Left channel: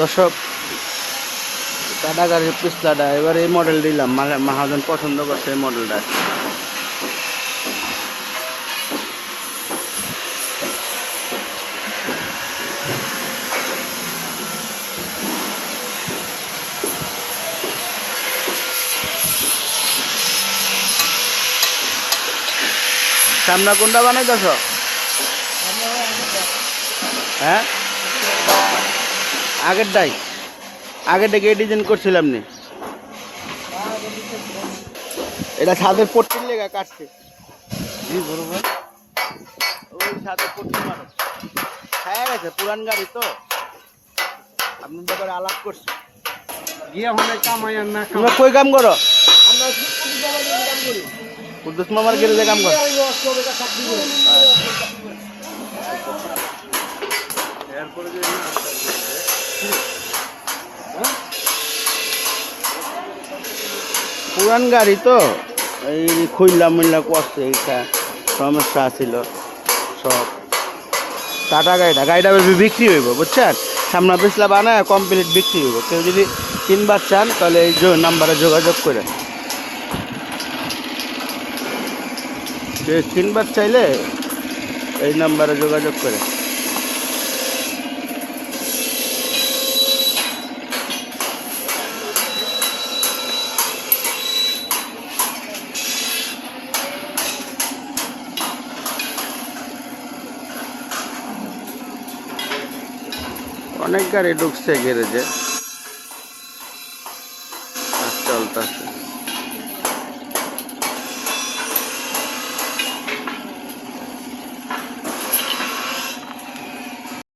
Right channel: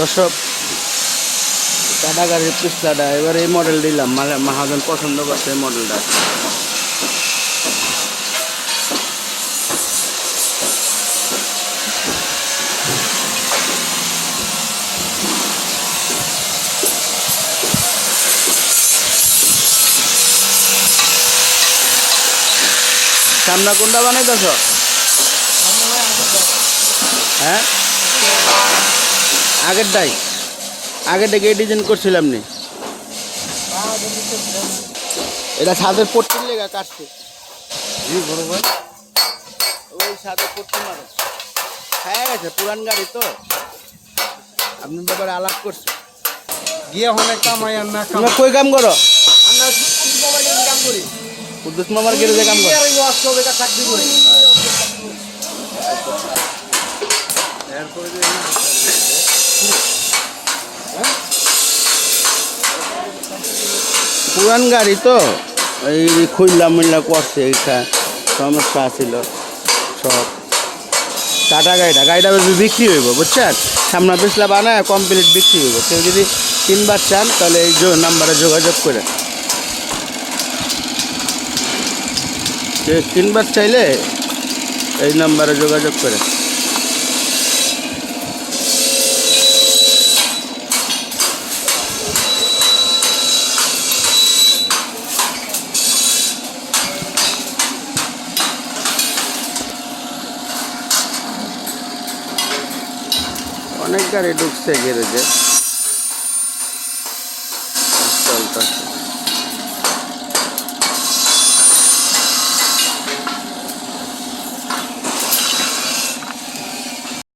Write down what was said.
দর্শক, টাটা গাড়ির পিছলাটা এবার এই মডেল দিলাম, মহাজন পছন্দ করছে এই মডেলটা। সামনা কোনটা বানাইতেছ? হ্যাঁ, আগেরটাই আগেরটাকে ডিজাইন করছিলাম নি, এটা ছাদের পট্টির লেগা কাটছে। ওই ছাদের পট্টির মানুষ খায়া গেছে, পুরান গাড়ি তো আপনার ব্যাপারে আলাপ করছে। গিয়ে ওখানে কামাই আর না তোমরা কই কাম করো? আমরা কাম করি, কুদ্দুস মামার গ্যারেজে কাম করো? চাকরি করি। পুরান গাড়ি তো এই খুললা মিল্লা করছে, সমস্যা ছিল সব। টাটা গাড়িটা বিক্রি হইব, বুঝছেন? সামনা পিছলা বানায় কমপ্লিট বিক্রি হইব। কেউ যদি কিনবার চান তাহলে এই নাম্বারে যোগাযোগ করে, কিনবার চাইলে এই নাম্বারে যোগাযোগ করে। অনেক গাড়ি ঢুকছে গ্যারেজে।